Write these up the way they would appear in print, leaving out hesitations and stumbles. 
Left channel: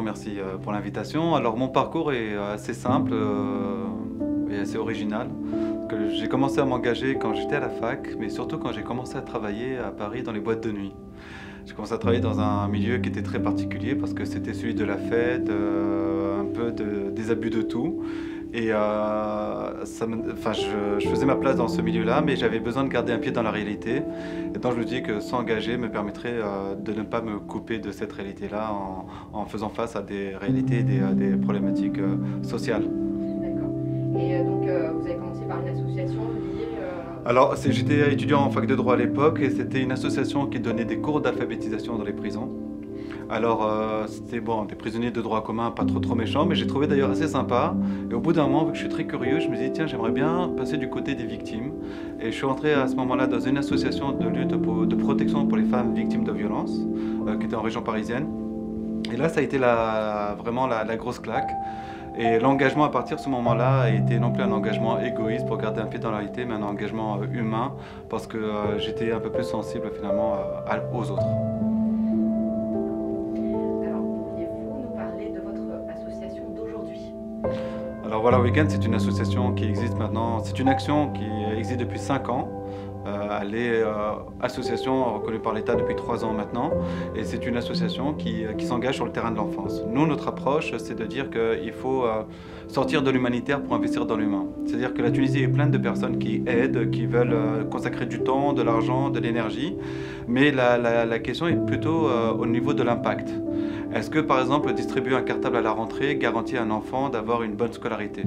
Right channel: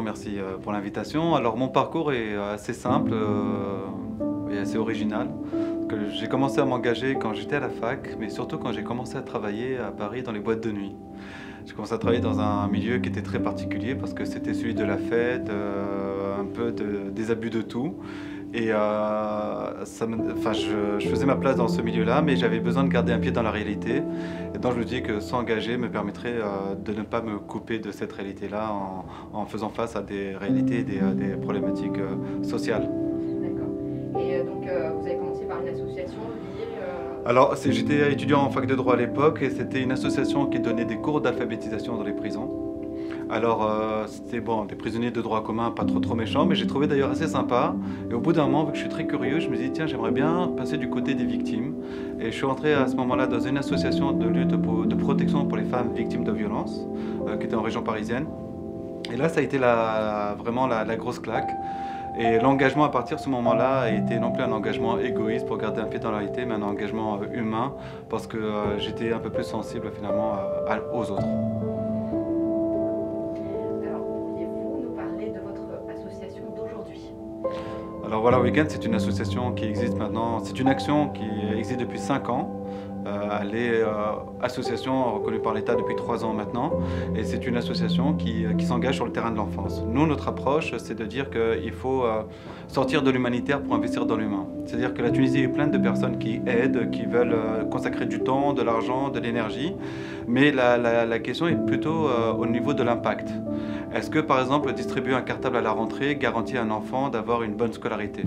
bonjour, merci pour l'invitation. Alors mon parcours est assez simple et assez original. J'ai commencé à m'engager quand j'étais à la fac, mais surtout quand j'ai commencé à travailler à Paris dans les boîtes de nuit. J'ai commencé à travailler dans un milieu qui était très particulier parce que c'était celui de la fête, un peu des abus de tout. Et je faisais ma place dans ce milieu-là, mais j'avais besoin de garder un pied dans la réalité. Et donc je me dis que s'engager me permettrait de ne pas me couper de cette réalité-là en faisant face à des réalités et des problématiques sociales. D'accord. Et donc, vous avez commencé par une association liée Alors, j'étais étudiant en fac de droit à l'époque et c'était une association qui donnait des cours d'alphabétisation dans les prisons. Alors, c'était bon, des prisonniers de droit commun, pas trop méchants, mais j'ai trouvé d'ailleurs assez sympa. Et au bout d'un moment, vu que je suis très curieux, je me suis dit, tiens, j'aimerais bien passer du côté des victimes. Et je suis entré à ce moment-là dans une association de lutte de protection pour les femmes victimes de violences, qui était en région parisienne. Et là, ça a été vraiment la grosse claque. Et l'engagement à partir de ce moment-là a été non plus un engagement égoïste pour garder un pied dans la réalité, mais un engagement humain, parce que j'étais un peu plus sensible finalement aux autres. Alors, pourriez-vous nous parler de votre association d'aujourd'hui? Alors voilà Weekend, c'est une association qui existe maintenant, c'est une action qui existe depuis 5 ans. Elle est association reconnue par l'État depuis 3 ans maintenant et c'est une association qui s'engage sur le terrain de l'enfance. Nous, notre approche, c'est de dire qu'il faut sortir de l'humanitaire pour investir dans l'humain. C'est-à-dire que la Tunisie est pleine de personnes qui aident, qui veulent consacrer du temps, de l'argent, de l'énergie, mais la question est plutôt au niveau de l'impact. Est-ce que par exemple distribuer un cartable à la rentrée garantit à un enfant d'avoir une bonne scolarité ?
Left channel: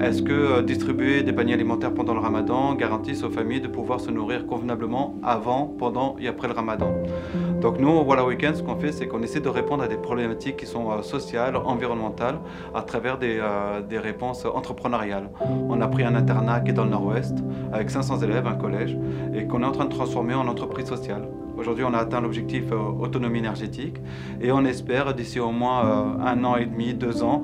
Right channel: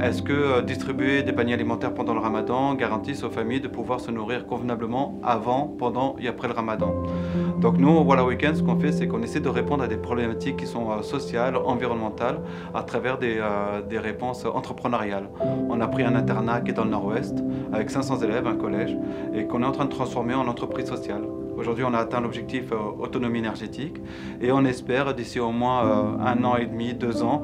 Est-ce que distribuer des paniers alimentaires pendant le ramadan garantissent aux familles de pouvoir se nourrir convenablement avant, pendant et après le ramadan? Donc nous, au Walla Weekend, ce qu'on fait, c'est qu'on essaie de répondre à des problématiques qui sont sociales, environnementales, à travers des réponses entrepreneuriales. On a pris un internat qui est dans le nord-ouest, avec 500 élèves, un collège, et qu'on est en train de transformer en entreprise sociale. Aujourd'hui, on a atteint l'objectif autonomie énergétique et on espère d'ici au moins 1 an et demi, 2 ans,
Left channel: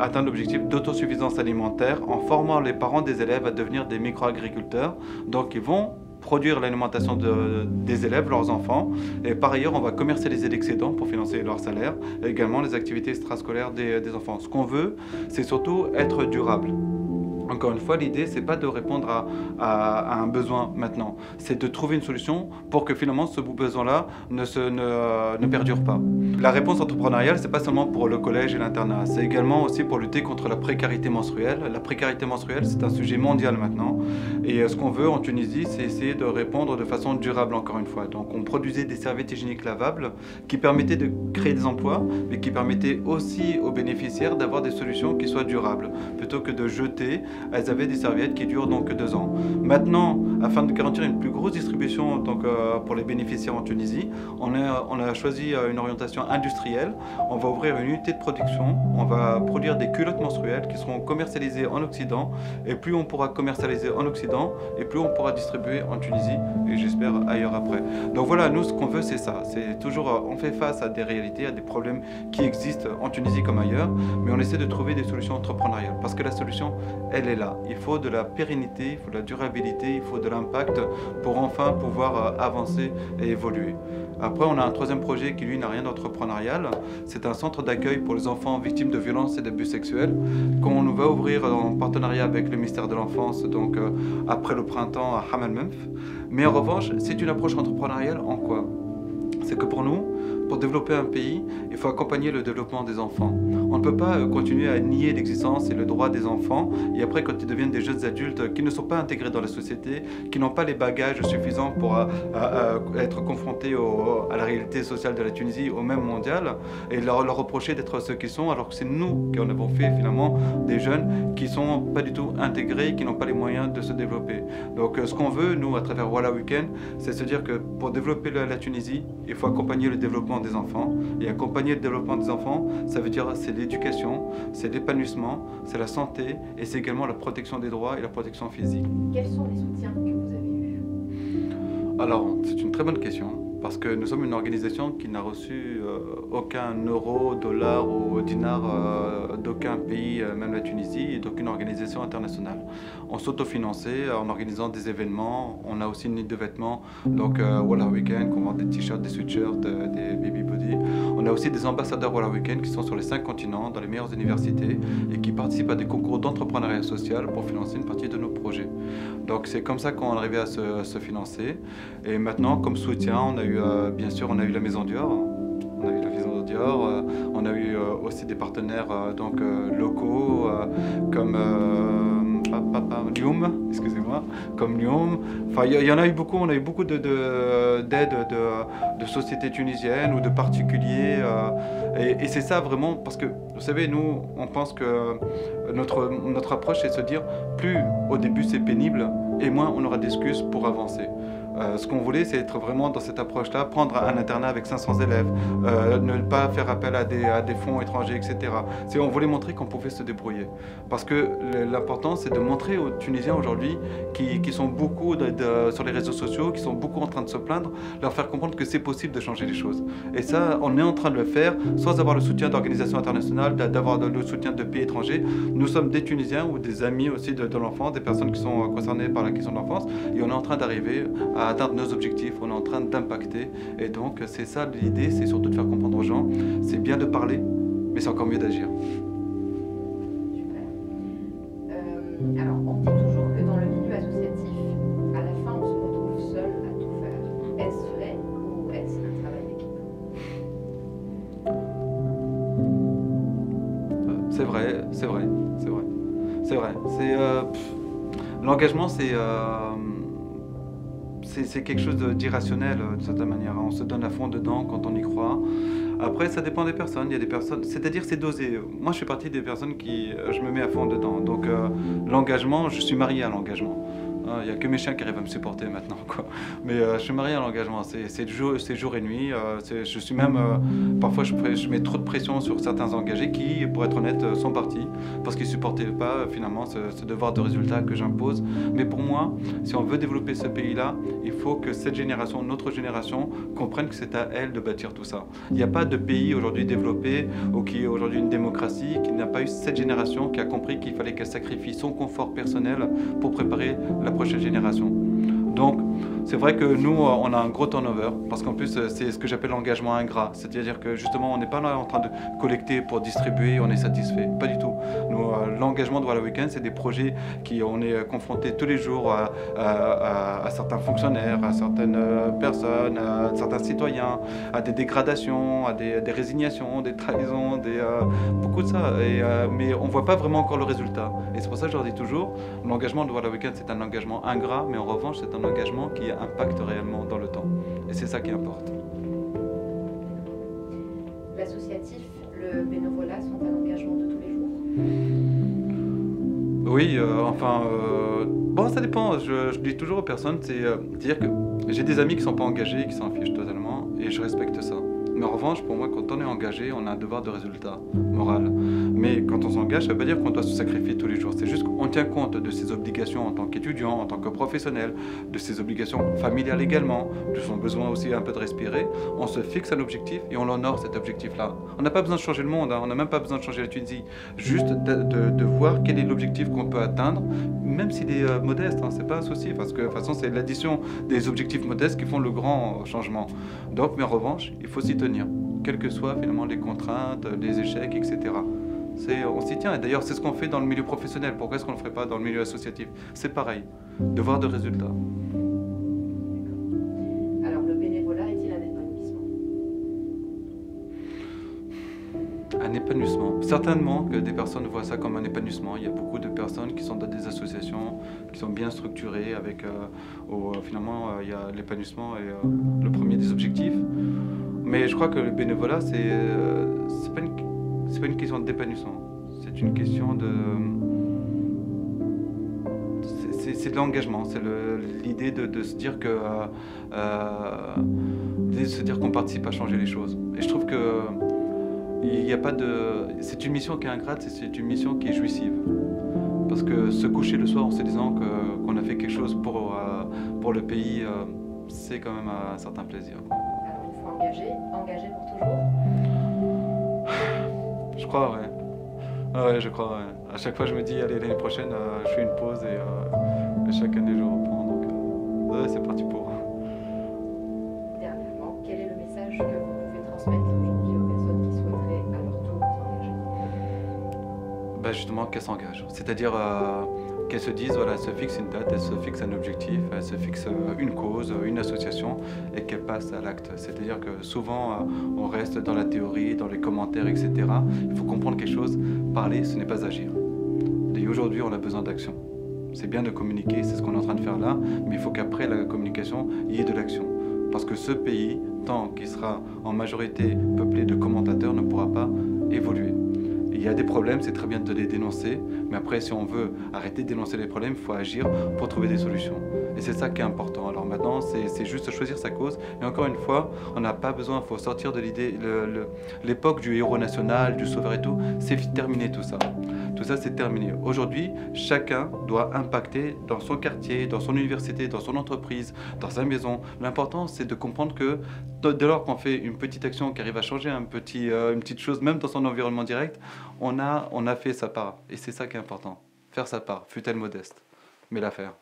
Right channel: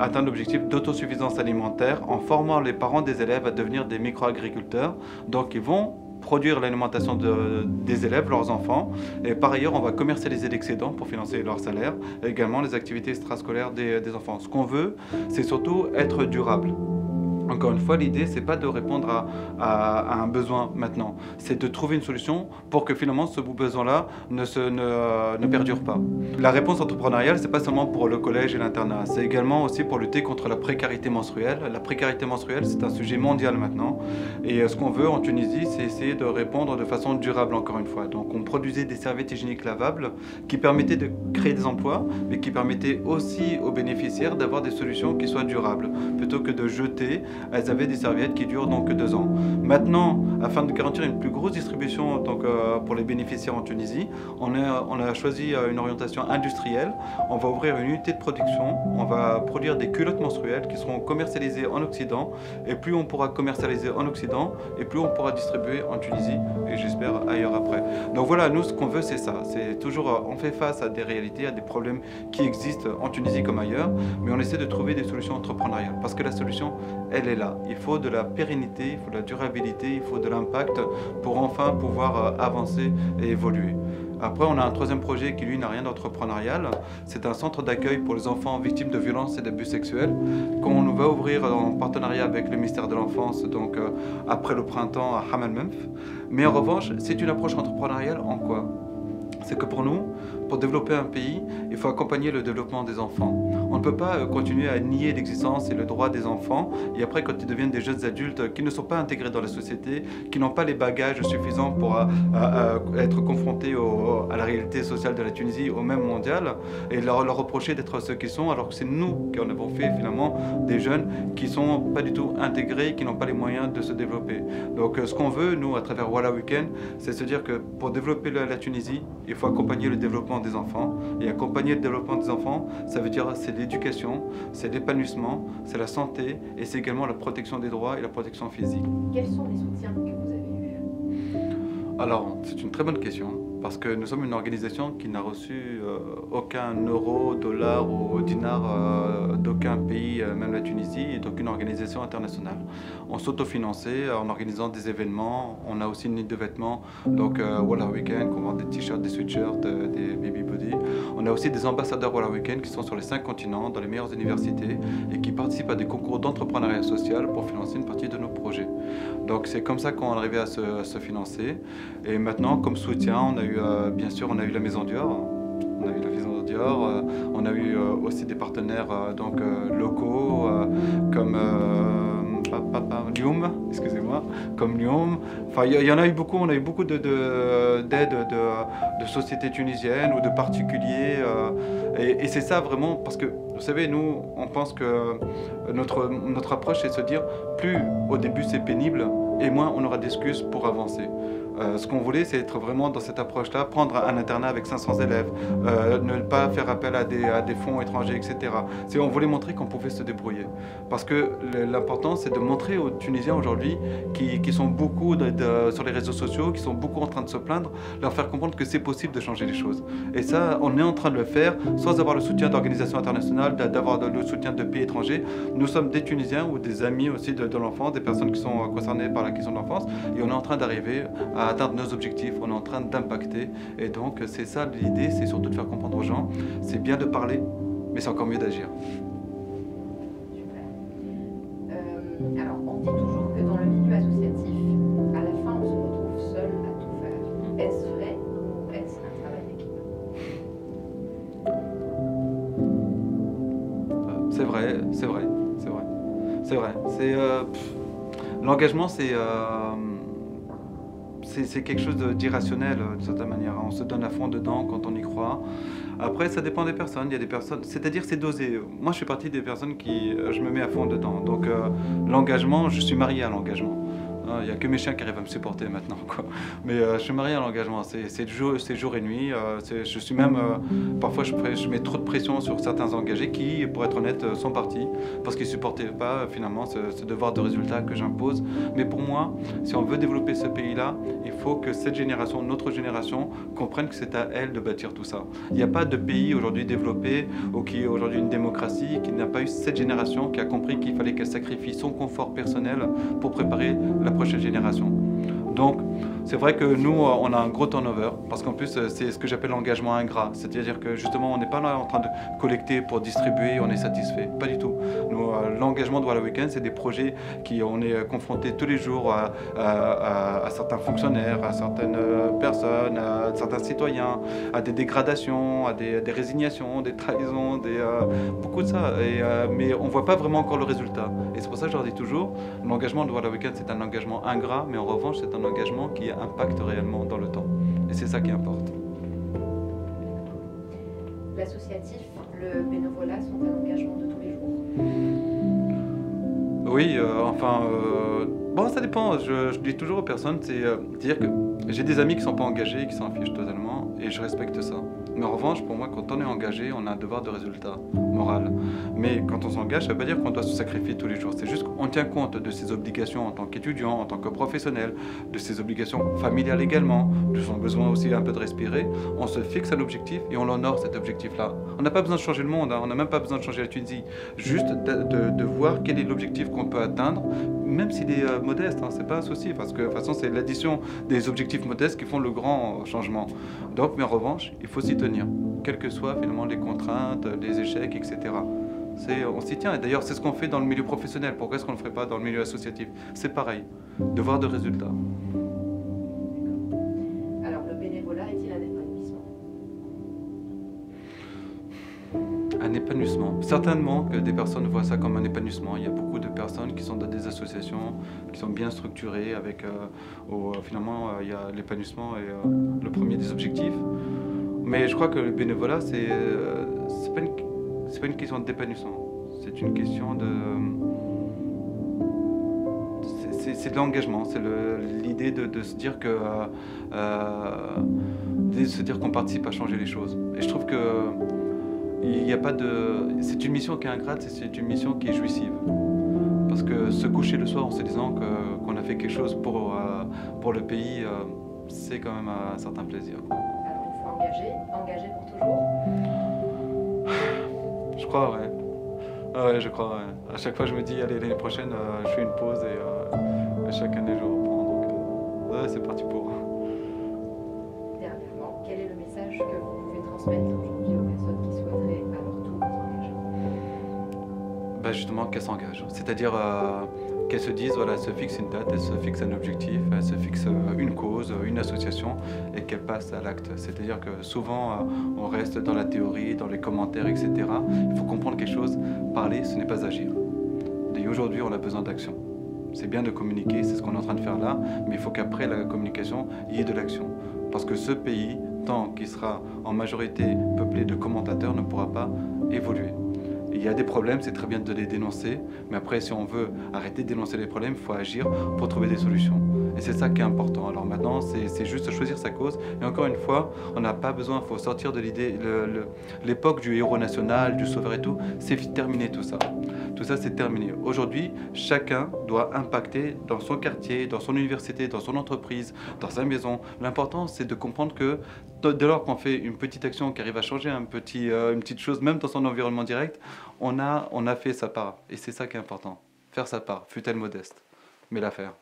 atteindre l'objectif d'autosuffisance alimentaire en formant les parents des élèves à devenir des micro-agriculteurs. Donc, ils vont produire l'alimentation des élèves, leurs enfants. Et par ailleurs, on va commercialiser l'excédent pour financer leur salaire et également les activités extrascolaires des enfants. Ce qu'on veut, c'est surtout être durable. Encore une fois, l'idée, c'est pas de répondre à un besoin maintenant, c'est de trouver une solution pour que finalement ce besoin-là ne perdure pas. La réponse entrepreneuriale, c'est pas seulement pour le collège et l'internat, c'est également aussi pour lutter contre la précarité menstruelle. La précarité menstruelle, c'est un sujet mondial maintenant. Et ce qu'on veut en Tunisie, c'est essayer de répondre de façon durable, encore une fois. Donc on produisait des serviettes hygiéniques lavables qui permettaient de créer des emplois, mais qui permettaient aussi aux bénéficiaires d'avoir des solutions qui soient durables, plutôt que de jeter. Elles avaient des serviettes qui durent donc 2 ans. Maintenant, afin de garantir une plus grosse distribution donc, pour les bénéficiaires en Tunisie, on a choisi une orientation industrielle. On va ouvrir une unité de production, on va produire des culottes menstruelles qui seront commercialisées en Occident. Et plus on pourra commercialiser en Occident, et plus on pourra distribuer en Tunisie, et j'espère ailleurs après. Donc voilà, nous ce qu'on veut c'est ça. C'est toujours, on fait face à des réalités, à des problèmes qui existent en Tunisie comme ailleurs, mais on essaie de trouver des solutions entrepreneuriales. Parce que la solution, elle est là. Il faut de la pérennité, il faut de la durabilité, il faut de l'impact pour enfin pouvoir avancer et évoluer. Après, on a un troisième projet qui, lui, n'a rien d'entrepreneurial. C'est un centre d'accueil pour les enfants victimes de violences et d'abus sexuels qu'on va ouvrir en partenariat avec le ministère de l'Enfance, donc après le printemps à Hamel Menf. Mais en revanche, c'est une approche entrepreneuriale en quoi ? C'est que pour nous, pour développer un pays, il faut accompagner le développement des enfants. On ne peut pas continuer à nier l'existence et le droit des enfants et après quand ils deviennent des jeunes adultes qui ne sont pas intégrés dans la société, qui n'ont pas les bagages suffisants pour être confrontés à la réalité sociale de la Tunisie, au même mondial, et leur reprocher d'être ceux qu'ils sont alors que c'est nous qui en avons fait finalement des jeunes qui ne sont pas du tout intégrés, qui n'ont pas les moyens de se développer. Donc ce qu'on veut, nous, à travers Walla Weekend, c'est se dire que pour développer la Tunisie, il faut accompagner le développement des enfants. Et accompagner le développement des enfants, ça veut dire c'est l'éducation, c'est l'épanouissement, c'est la santé et c'est également la protection des droits et la protection physique. Quels sont les soutiens que vous avez eus? Alors, c'est une très bonne question. parce que nous sommes une organisation qui n'a reçu aucun euro, dollar ou dinar d'aucun pays, même la Tunisie, et d'aucune organisation internationale. On s'autofinançait en organisant des événements. On a aussi une ligne de vêtements, donc Wallah Weekend, qu'on vend des t-shirts, des sweatshirts, des baby body. On a aussi des ambassadeurs Wallah Weekend qui sont sur les 5 continents, dans les meilleures universités, et qui participent à des concours d'entrepreneuriat social pour financer une partie de nos projets. Donc c'est comme ça qu'on est arrivé à se financer. Et maintenant, comme soutien, on a eu, bien sûr, on a eu la Maison Dior. On a eu la Maison Dior. On a eu aussi des partenaires locaux comme Lyoum, excusez-moi, comme Lyoum. Enfin, il y en a eu beaucoup. On a eu beaucoup d'aides de sociétés tunisiennes ou de particuliers. Et c'est ça vraiment, parce que vous savez, nous, on pense que notre approche, c'est de se dire, plus au début c'est pénible, et moins on aura d'excuses pour avancer. Ce qu'on voulait, c'est être vraiment dans cette approche-là, prendre un internat avec 500 élèves, ne pas faire appel à des fonds étrangers, etc. On voulait montrer qu'on pouvait se débrouiller. Parce que l'important, c'est de montrer aux Tunisiens aujourd'hui, qui sont beaucoup sur les réseaux sociaux, qui sont beaucoup en train de se plaindre, leur faire comprendre que c'est possible de changer les choses. Et ça, on est en train de le faire sans avoir le soutien d'organisations internationales, d'avoir le soutien de pays étrangers. Nous sommes des Tunisiens ou des amis aussi de l'enfance, des personnes qui sont concernées par la question de l'enfance, et on est en train d'arriver à atteindre nos objectifs, on est en train d'impacter. Et donc, c'est ça l'idée, c'est surtout de faire comprendre aux gens. C'est bien de parler, mais c'est encore mieux d'agir. Super. Alors, on dit toujours que dans le milieu associatif, à la fin, on se retrouve seul à tout faire. Est-ce vrai ou est-ce un travail d'équipe? C'est vrai, c'est vrai, c'est vrai. C'est vrai. L'engagement, c'est quelque chose d'irrationnel d'une certaine manière. On se donne à fond dedans quand on y croit. Après, ça dépend des personnes. Il y a des personnes, c'est-à-dire c'est dosé. Moi, je fais partie des personnes qui, je me mets à fond dedans. Donc, l'engagement, je suis marié à l'engagement. Il n'y a que mes chiens qui arrivent à me supporter maintenant, quoi. Mais je suis marié à l'engagement, c'est jour et nuit. Je suis même, parfois je mets trop de pression sur certains engagés qui, pour être honnête, sont partis parce qu'ils ne supportaient pas finalement ce devoir de résultat que j'impose. Mais pour moi, si on veut développer ce pays-là, il faut que cette génération, notre génération, comprenne que c'est à elle de bâtir tout ça. Il n'y a pas de pays aujourd'hui développé ou qui est aujourd'hui une démocratie qui n'a pas eu cette génération qui a compris qu'il fallait qu'elle sacrifie son confort personnel pour préparer la prochaine génération. Donc, c'est vrai que nous, on a un gros turnover, parce qu'en plus, c'est ce que j'appelle l'engagement ingrat. C'est-à-dire que justement, on n'est pas là en train de collecter pour distribuer, on est satisfait. Pas du tout. Nous, l'engagement de Wallah Weekend, c'est des projets on est confronté tous les jours à certains fonctionnaires, à certaines personnes, à certains citoyens, à des dégradations, à des résignations, des trahisons, beaucoup de ça. Mais on ne voit pas vraiment encore le résultat. Et c'est pour ça que je leur dis toujours, l'engagement de Wallah Weekend, c'est un engagement ingrat, mais en revanche, c'est un engagement qui impacte réellement dans le temps. Et c'est ça qui importe. L'associatif, le bénévolat sont un engagement de tous les jours? Oui, bon, ça dépend. Je dis toujours aux personnes, c'est-à-dire que j'ai des amis qui ne sont pas engagés, qui s'en fichent totalement, et je respecte ça. Mais en revanche, pour moi, quand on est engagé, on a un devoir de résultat moral. Mais quand on s'engage, ça ne veut pas dire qu'on doit se sacrifier tous les jours. C'est juste qu'on tient compte de ses obligations en tant qu'étudiant, en tant que professionnel, de ses obligations familiales également, de son besoin aussi un peu de respirer. On se fixe un objectif et on l'honore, cet objectif-là. On n'a pas besoin de changer le monde, hein. On n'a même pas besoin de changer la Tunisie. Juste de voir quel est l'objectif qu'on peut atteindre, même s'il est modeste, hein, c'est pas un souci, parce que de toute façon, c'est l'addition des objectifs modestes qui font le grand changement. Donc, mais en revanche, il faut s'y tenir, quelles que soient finalement les contraintes, les échecs, etc. On s'y tient, et d'ailleurs c'est ce qu'on fait dans le milieu professionnel. Pourquoi est-ce qu'on ne le ferait pas dans le milieu associatif? C'est pareil, devoir de résultat. Alors le bénévolat est-il un épanouissement? Un épanouissement. Certainement que des personnes voient ça comme un épanouissement. Il y a beaucoup de personnes qui sont dans des associations, qui sont bien structurées, avec finalement il y a l'épanouissement et le premier des objectifs. Mais je crois que le bénévolat, c'est pas une question d'épanouissement. C'est une question de... C'est de l'engagement. C'est l'idée de se dire que... de se dire qu'on participe à changer les choses. Et je trouve que... il n'y a pas de... C'est une mission qui est ingrate, c'est une mission qui est jouissive. Parce que se coucher le soir en se disant qu'on a fait quelque chose pour le pays, c'est quand même un certain plaisir. engagé pour toujours? Je crois, ouais. Ah ouais, je crois, ouais. À chaque fois, je me dis, allez, l'année prochaine, je fais une pause et chaque année, je reprends. Donc, ouais, c'est parti pour. Dernièrement, quel est le message que vous pouvez transmettre aujourd'hui aux personnes qui souhaiteraient à leur tour s'engager? Bah justement, qu'elles s'engagent. C'est-à-dire qu'elles se disent, voilà, elles se fixent une date, elles se fixent un objectif, elles se fixent une cause, une association et qu'elles passent à l'acte. C'est-à-dire que souvent, on reste dans la théorie, dans les commentaires, etc. Il faut comprendre quelque chose. Parler, ce n'est pas agir. Et aujourd'hui, on a besoin d'action. C'est bien de communiquer, c'est ce qu'on est en train de faire là, mais il faut qu'après la communication, il y ait de l'action. Parce que ce pays, tant qu'il sera en majorité peuplé de commentateurs, ne pourra pas évoluer. Il y a des problèmes, c'est très bien de les dénoncer, mais après, si on veut arrêter de dénoncer les problèmes, il faut agir pour trouver des solutions. Et c'est ça qui est important. Alors maintenant, c'est juste choisir sa cause. Et encore une fois, on n'a pas besoin, il faut sortir de l'idée, l'époque du héros national, du sauveur et tout, c'est terminé tout ça. Tout ça, c'est terminé. Aujourd'hui, chacun doit impacter dans son quartier, dans son université, dans son entreprise, dans sa maison. L'important, c'est de comprendre que dès lors qu'on fait une petite action qui arrive à changer une petite chose, même dans son environnement direct, on a fait sa part. Et c'est ça qui est important. Faire sa part, fût-elle modeste, mais la faire.